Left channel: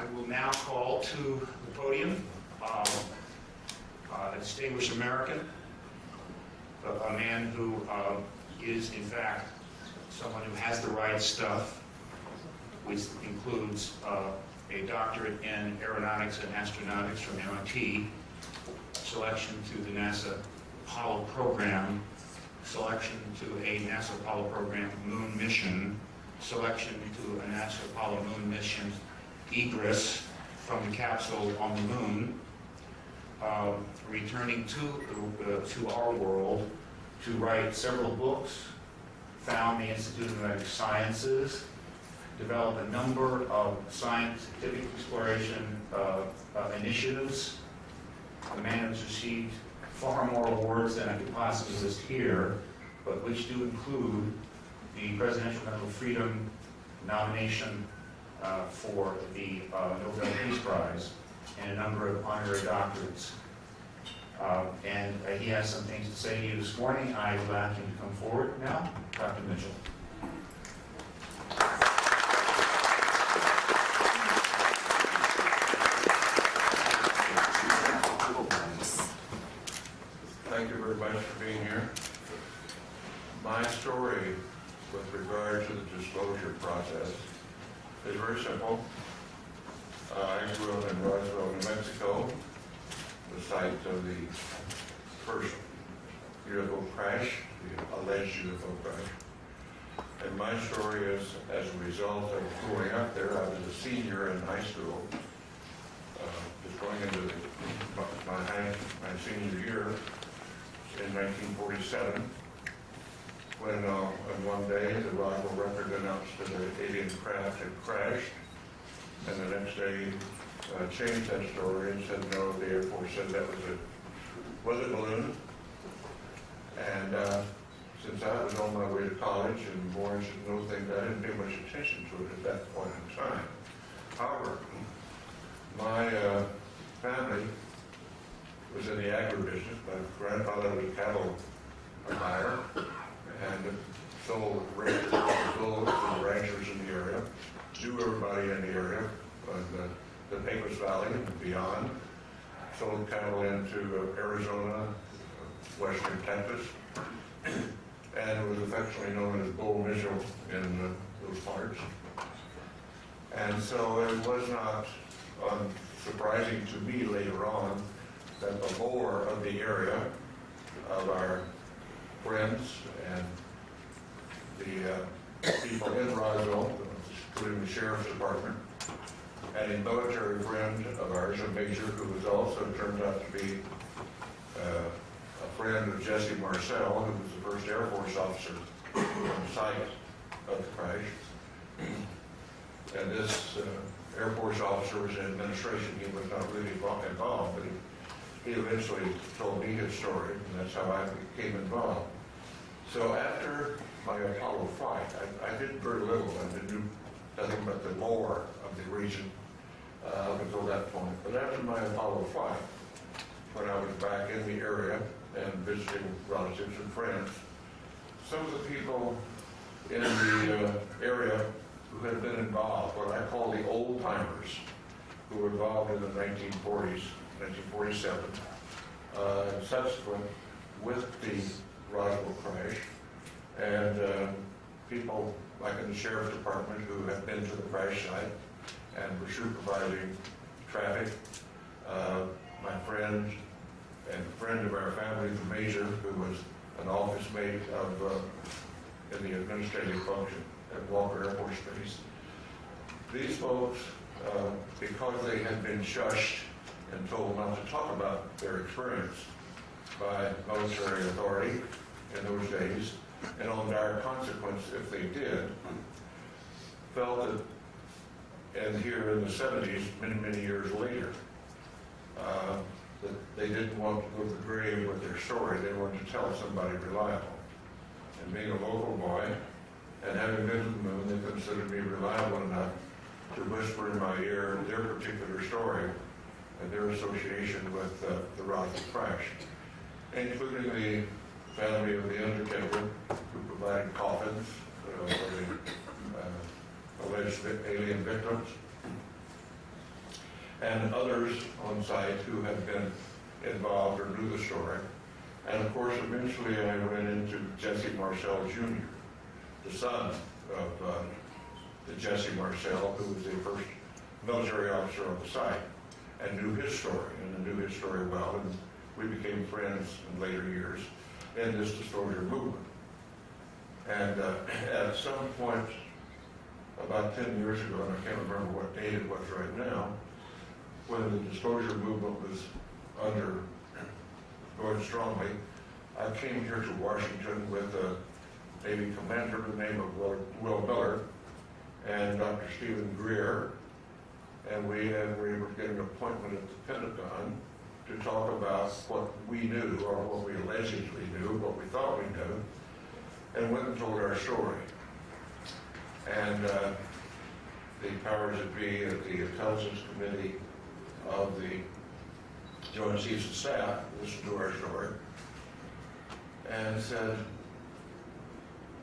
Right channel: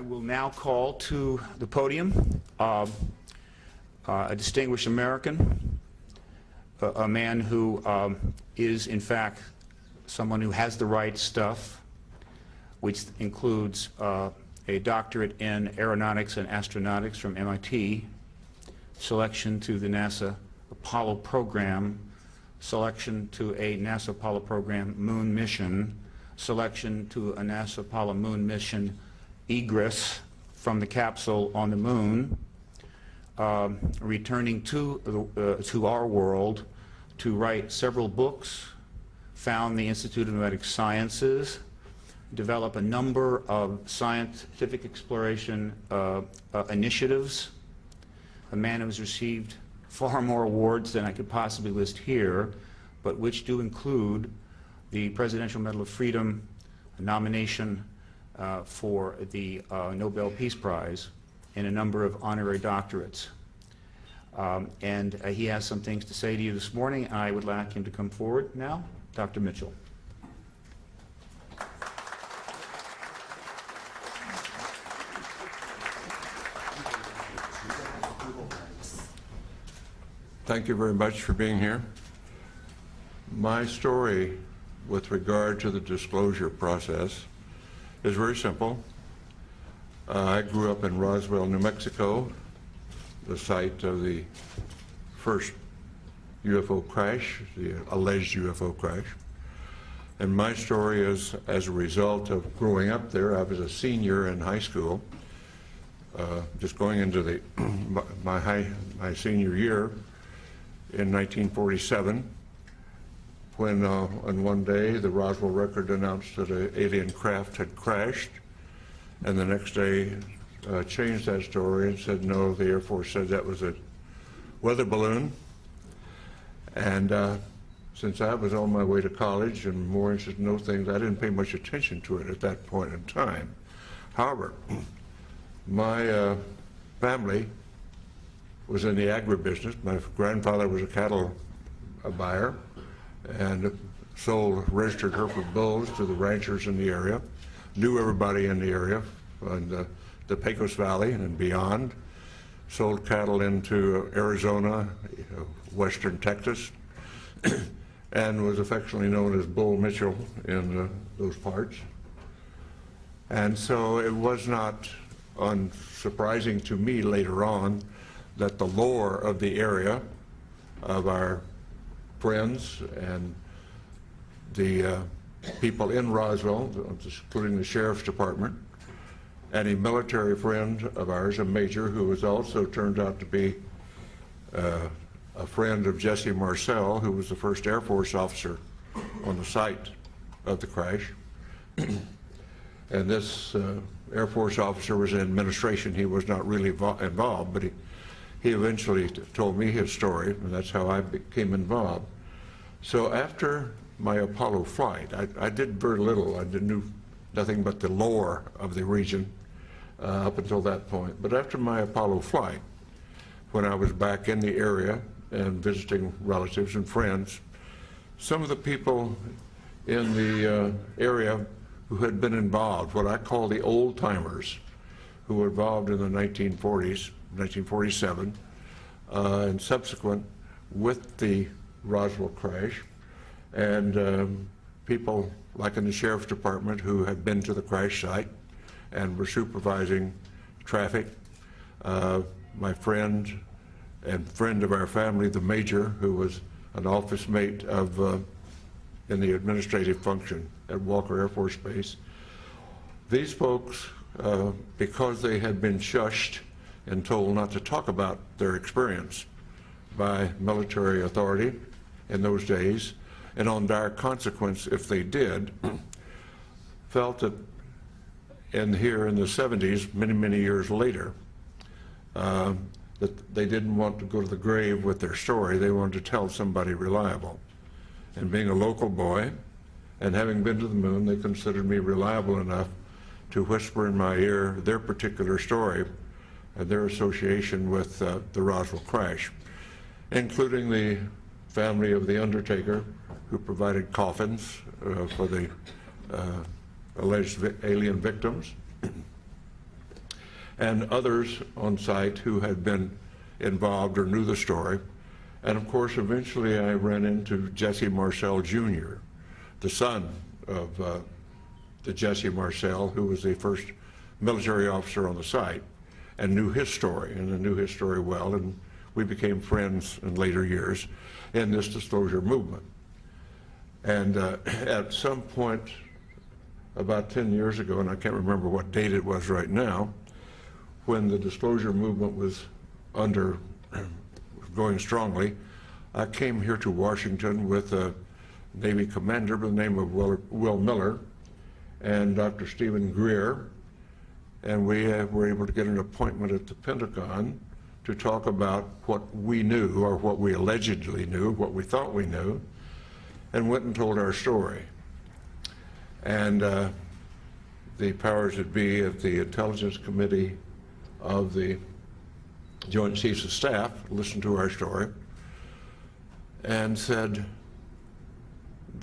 I will now call to the podium a distinguished American, a man who is, in fact, someone who has the right stuff, which includes a doctorate in aeronautics and astronautics from MIT, selection to the NASA Apollo program, selection to a NASA Apollo program moon mission, selection to a NASA Apollo moon mission egress from the capsule on the moon, returning to our world to write several books, found the Institute of Medical Sciences, develop a number of scientific exploration initiatives. A man who's received far more awards than I could possibly list here, but which do include the Presidential Medal of Freedom nomination for the Nobel Peace Prize and a number of honorary doctorates. And he has some things to say to you this morning. I would like him to come forward now. Dr. Mitchell. Thank you very much for being here. My story with regard to the disclosure process is very simple. I grew up in Roswell, New Mexico, the site of the first UFO crash, the alleged UFO crash. And my story is as a result of growing up there. I was a senior in high school, just going into my senior year in 1947, when on one day the Roswell Record announced that an alien craft had crashed, and the next day changed that story and said no, the Air Force said that was a weather balloon. And since I was on my way to college and more interested in those things, I didn't pay much attention to it at that point in time. However, my family was in the agribusiness. My grandfather was a cattle buyer and sold registered Hereford bulls to the ranchers in the area, knew everybody in the area, the Pecos Valley and beyond, sold cattle into Arizona, western Texas, and was affectionately known as Bull Mitchell in those parts. And so it was not surprising to me later on that the lore of the area of our friends and the people in Roswell, including the Sheriff's Department, and a military friend of ours, a major, who was also turned out to be a friend of Jesse Marcel, who was the first Air Force officer on the site of the crash. And this Air Force officer was in administration. He was not really involved, but he eventually told me his story, and that's how I became involved. So after my Apollo flight, I did very little. I knew nothing but the lore of the region up until that point. But after my Apollo flight, when I was back in the area and visiting relatives and friends, some of the people in the area who had been involved, what I call the old timers, who were involved in the 1940s, 1947, and subsequent with the Roswell crash, and people like in the Sheriff's Department who had been to the crash site and were supervising traffic. My friend and friend of our family, the Major, who was an office mate of in the administrative function at Walker Air Force Base. These folks, because they had been shushed and told not to talk about their experience by military authority in those days, and on dire consequence if they did, felt that here in the 70s, many years later, that they didn't want to go to the grave with their story. They wanted to tell somebody reliable. And being a local boy and having been to the moon, they considered me reliable enough to whisper in my ear their particular story and their association with the Roswell crash, including the family of the undertaker who provided coffins for the alleged alien victims, and others on site who had been involved or knew the story. And of course, eventually I ran into Jesse Marcel Jr., the son of the Jesse Marcel, who was the first military officer on the site, and knew his story, and knew his story well, and we became friends in later years in this disclosure movement. And at some point, about 10 years ago, and I can't remember what date it was right now, when the disclosure movement was going strongly, I came here to Washington with a Navy commander by the name of Will Miller and Dr. Steven Greer, and we were able to get an appointment at the Pentagon to talk about what we knew, or what we allegedly knew, what we thought we knew, and went and told our story. And the powers that be at the Intelligence Committee of the Joint Chiefs of Staff listened to our story and said,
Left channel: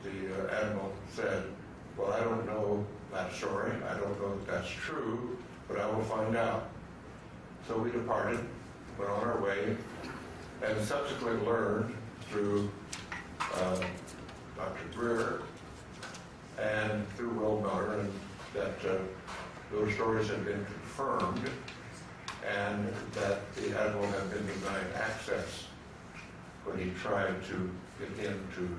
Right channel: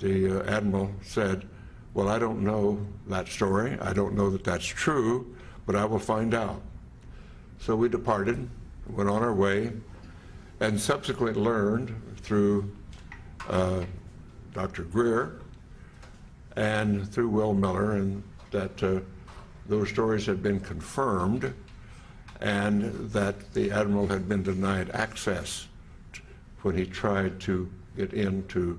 the Admiral said, well, I don't know that story. I don't know that that's true, but I will find out. So we departed, went on our way, and subsequently learned through Dr. Greer and through Will Miller, and that those stories had been confirmed, and that the Admiral had been denied access when he tried to get into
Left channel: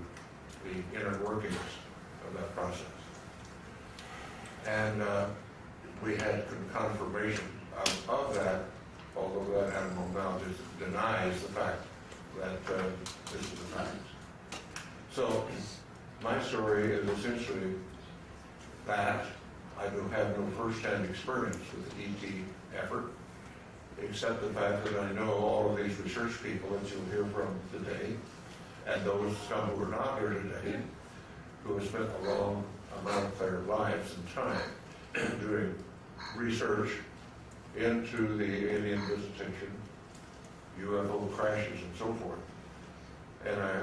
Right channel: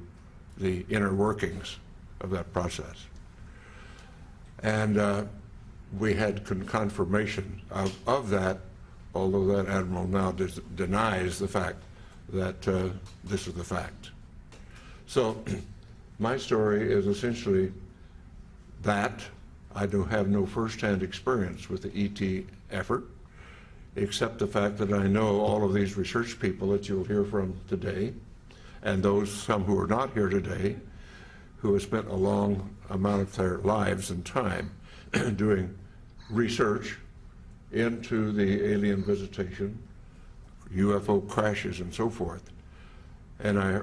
the inner workings of that process. And we had confirmation of that, although that Admiral now denies the fact that this is the fact. So my story is essentially that. I do have no first-hand experience with the ET effort, except the fact that I know all of these research people that you'll hear from today, and some who are not here today, who have spent a long amount of their lives and time doing research into the alien visitation, UFO crashes, and so forth. And I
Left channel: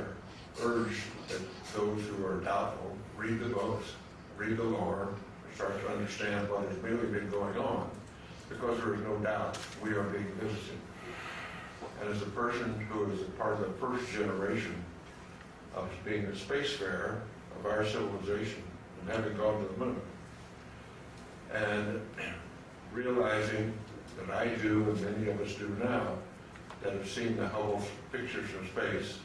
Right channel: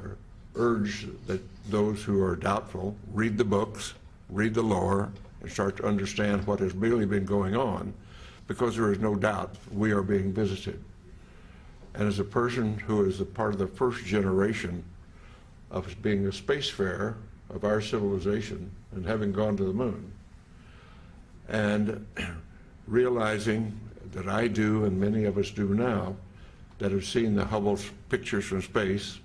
urge that those who are doubtful read the books, read the lore, and start to understand what has really been going on, because there is no doubt we are being visited. And as a person who is a part of the first generation of being a spacefarer of our civilization and having gone to the moon, and realizing that I do, and many of us do now, that have seen the Hubble pictures from space,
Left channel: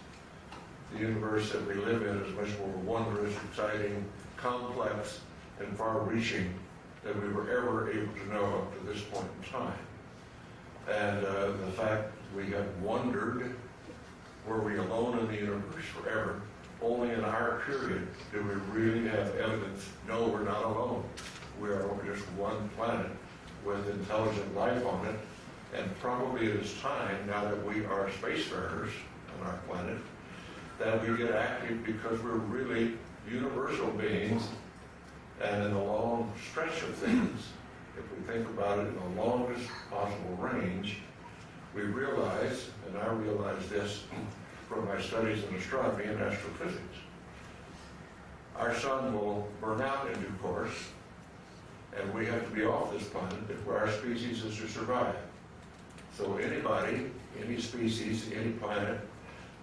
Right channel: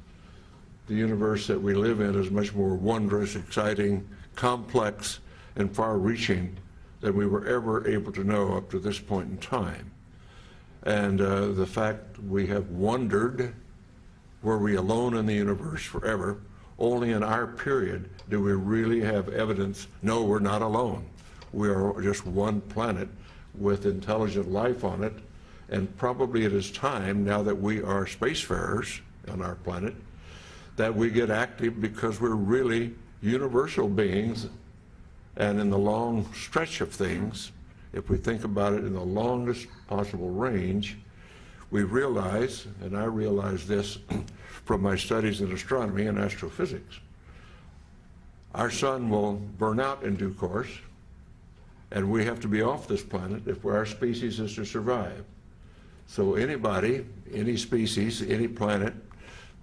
the universe that we live in is much more wondrous, exciting, complex, and far-reaching than we were ever able to know up to this point in time. And the fact we have wondered, were we alone in the universe forever? Only in our period do we really have evidence, no, we're not alone. We are just one planet with intelligent life on it, and probably it is time, now that we are spacefarers on our planet, that we get active, because we're really universal beings. And in the long stretch of things, if we think about it in the longest possible range, we realize, and I realize this from my studies in astronomy and astrophysics, our sun will burn out in due course, and we have to be off this planet if our species is to survive. So anybody, any species, any planet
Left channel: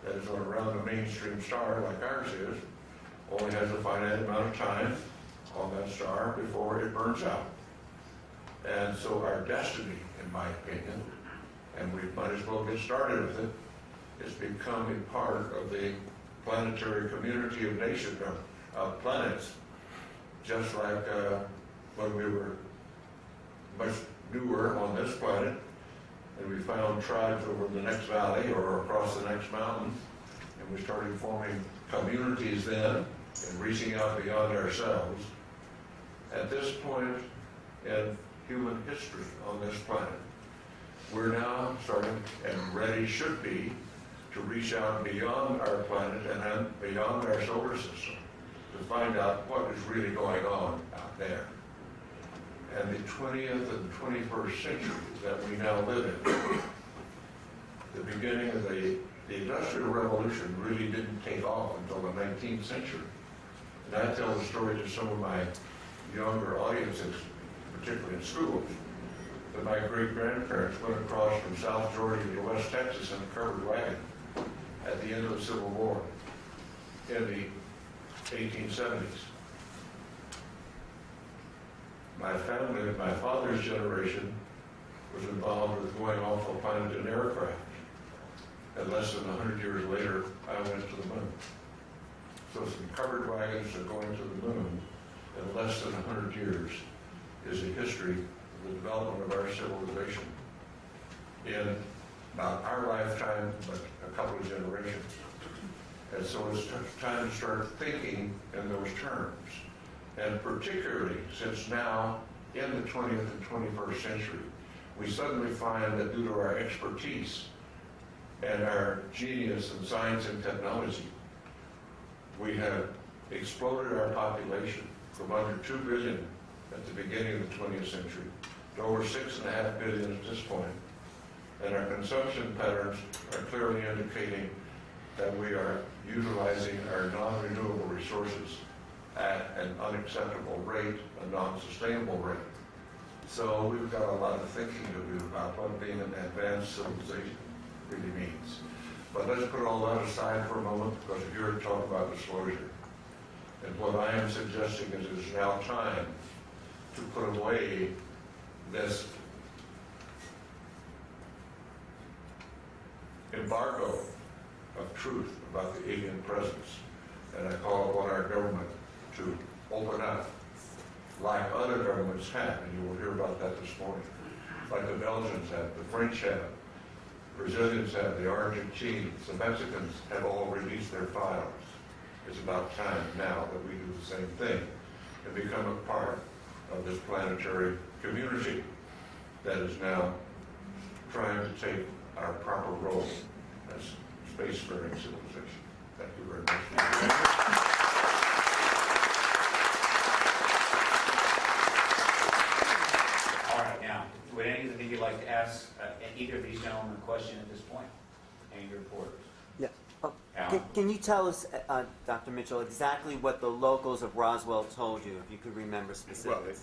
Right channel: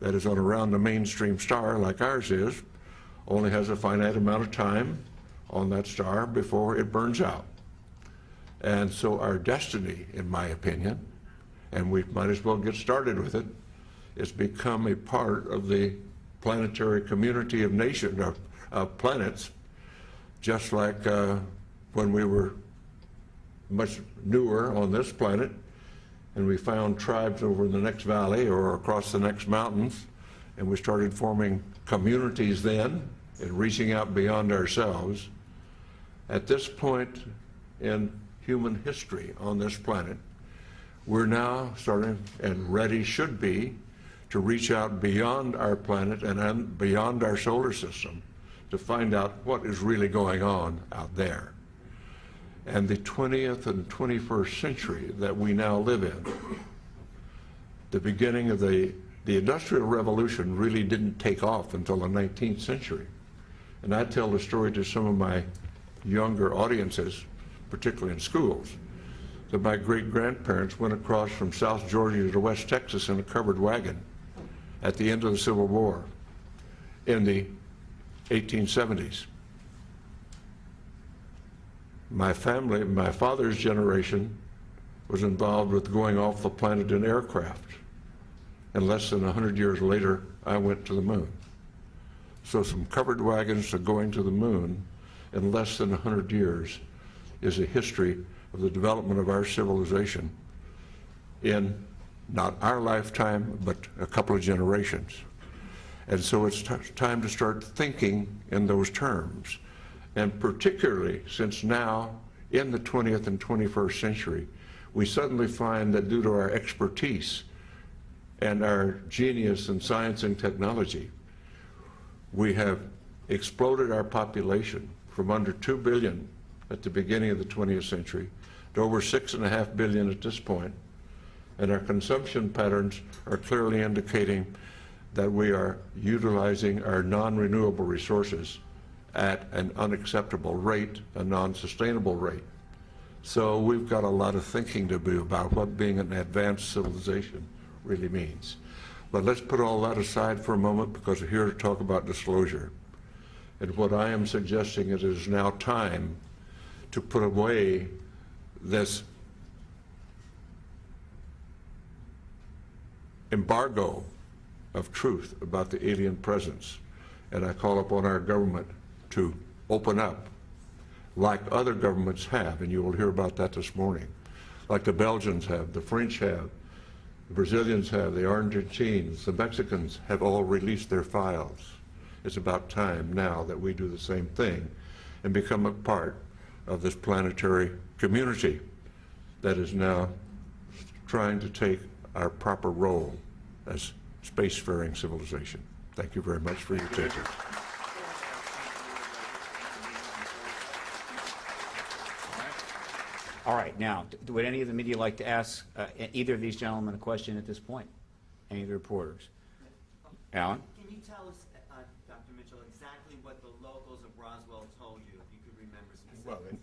that is on around a mainstream star like ours is, only has a finite amount of time on that star before it burns out. And so our destiny, in my opinion, and we might as well get started with it, is become a part of the planetary community of nations, of planets, just like when we were much newer on this planet, and we found tribes over in the next valley or across the next mountains, and we started forming communities then and reaching out beyond ourselves. At this point in human history on this planet, we're now starting, and ready should be, to reach out beyond our planet and beyond our solar system to find out what is really going on out there. And the 20th and 21st century that we now live in, the beginning of the Industrial Revolution really didn't take off until the 19th century. And I tell the story to some of my younger audiences, particularly in schools, that my great-grandparents went across from South Georgia to West Texas in a covered wagon at the end of the Civil War in the 1870s. My family, my father's generation, was involved with going off the planet in aircraft. And less than 100 years later, I went to the moon. So some covered wagons to going to the moon in less than 100 years is a history of the development of our civilization in not our lifetime, but a couple of generations. And so it's time to start thinking in those terms. And particularly since now, in the 20th and 21st century, we suddenly find that due to our expertise and our genius in science and technology, we have exploded our population from under 2 billion at the beginning of the 20th century to over 6.5 billion at this point. And our consumption patterns are clearly indicating that we are utilizing our non-renewable resources at an unacceptable rate, a non-sustainable rate. So we've got a lot of thinking to do about what being an advanced civilization really means. But let's put all that aside for a moment, because we're here to talk about disclosure. And what I am suggesting is it is now time to put away this embargo of truth about the alien presence. And I call upon our government to open up, like other governments have, and you will hear about that this morning, like the Belgians have, the French have, the Brazilians have, the Argentines, the Mexicans have all released their files. It's about time now that we do the same thing and become a part of this planetary community that is now trying to take our proper role as spacefaring civilization. Thank you very much for your attention. All right, now, would any of the media like to ask either of these gentlemen a question at this point? Any of the reporters? Yeah. Alan? Can you tell us, Dr. Mitchell, exactly what the locals of Roswell told you, if you could remember specifics?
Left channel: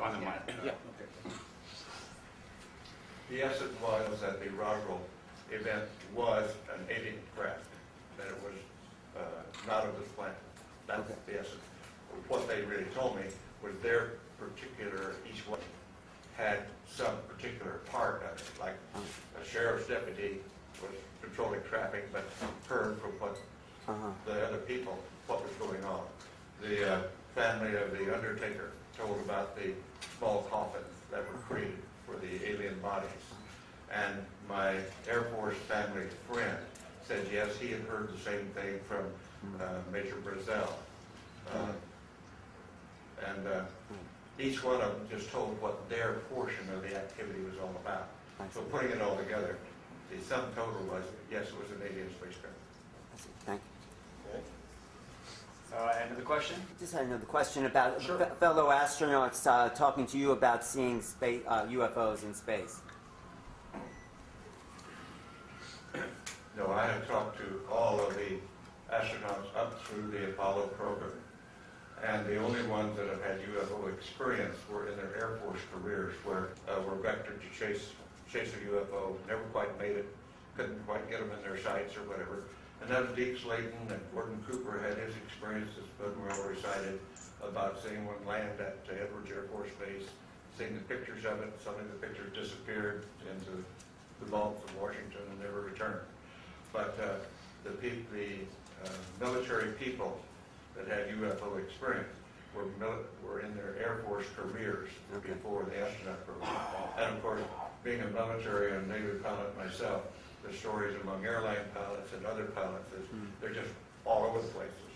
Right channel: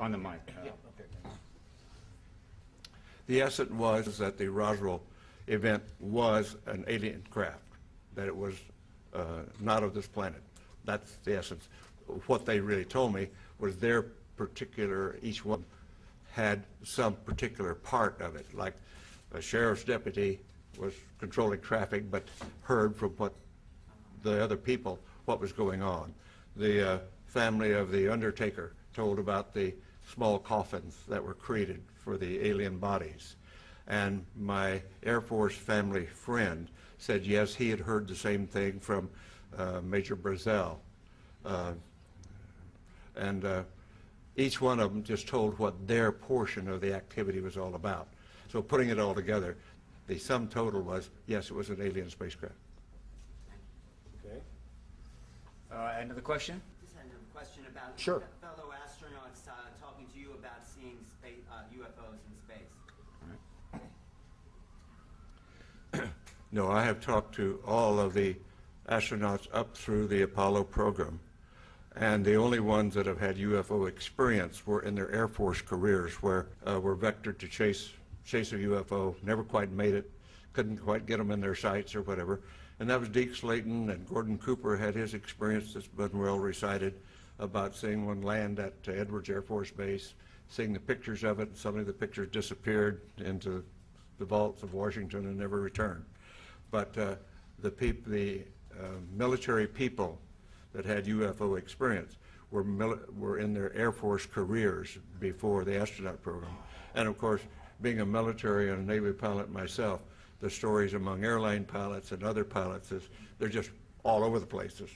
On the mic. Yeah. The essence was that the Roswell event was an alien craft, that it was not of this planet. That's the essence. What they really told me was their particular, each one had some particular part of it, like a sheriff's deputy was controlling traffic but heard from what the other people what was going on. The family of the undertaker told about the small coffins that were created for the alien bodies. And my Air Force family friend said yes, he had heard the same thing from Major Brazel. Each one of them just told what their portion of the activity was all about. So putting it all together, the sum total was, yes, it was an alien spacecraft. Thank you. Another question? Just had another question about Sure. fellow astronauts talking to you about seeing space, UFOs in space. No, I have talked to all of the astronauts up through the Apollo program. And the only ones that have had UFO experience were in their Air Force careers, where were vectored to chase a UFO, never quite made it, couldn't quite get them in their sights or whatever. And that was Deke Slayton, and Gordon Cooper had his experience that's been well recited about seeing one land at Edwards Air Force Base, seeing the pictures of it. Suddenly the pictures disappeared into the vaults of Washington and never returned. But the military people that had UFO experience were in their Air Force careers before the astronaut program. And of course, being a military and Navy pilot myself, the stories among airline pilots and other pilots is they're just all over the places.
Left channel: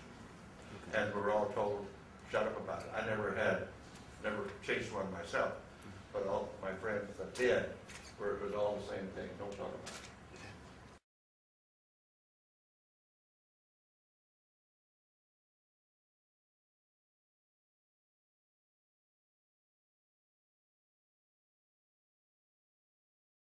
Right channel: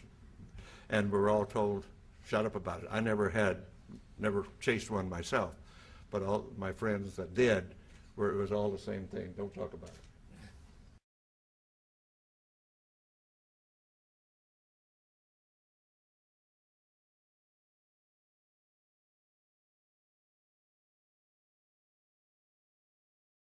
And we're all told, shut up about it. I never chased one myself, but all my friends that did, where it was all the same thing, don't talk about it.